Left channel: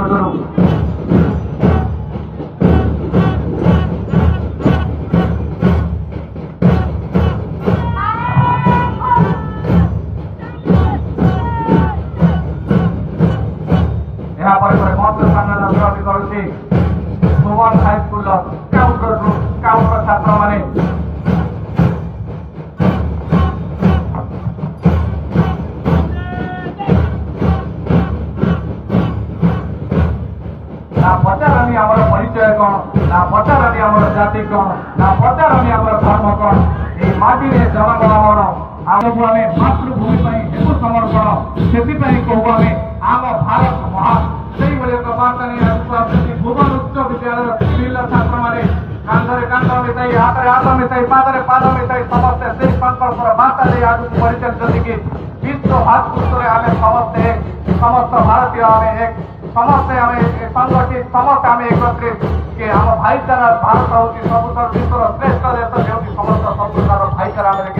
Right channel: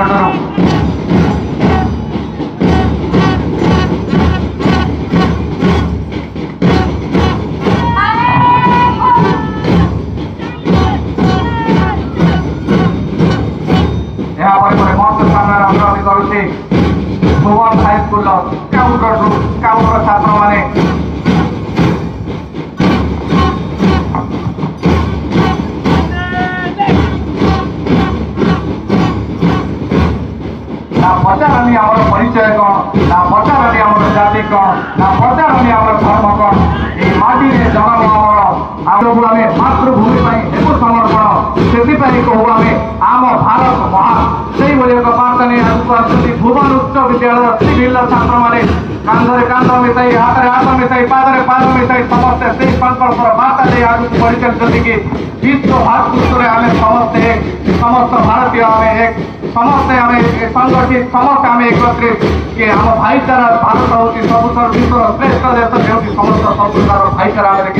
निकटरू भुवन high school counter छात्र माने ना पचारानी आमर परिचय कौन ना पचारानी आमर जाति कौन ना पचारानी आमर धर्म कौन ये माटी रे जन्म आमर आमको आमे मातृभूमि पाई एकु समर्पण सेति पाई कहू आमे आम भारत महान सेही भली एक बार्ता नै आगु आछथि भुवन उच्च विद्यालय सिभिल छात्र माने कांधरे कांध मिसाई हाथरे हाथ मिसाई पादरे पाद मिसाई समस्त सेही संकल्पर बार्ता नै आगु परिचय कि विश्व भातृत्वरे आमे समस्त भारतीय आमे एक समस्त आमे संगठित समस्त आमे एकत्रित कि आम भाईचारा भारत होती सबुठारु विश्वर श्रेष्ठ देश हेउछि समस्त संस्कार भाईचारा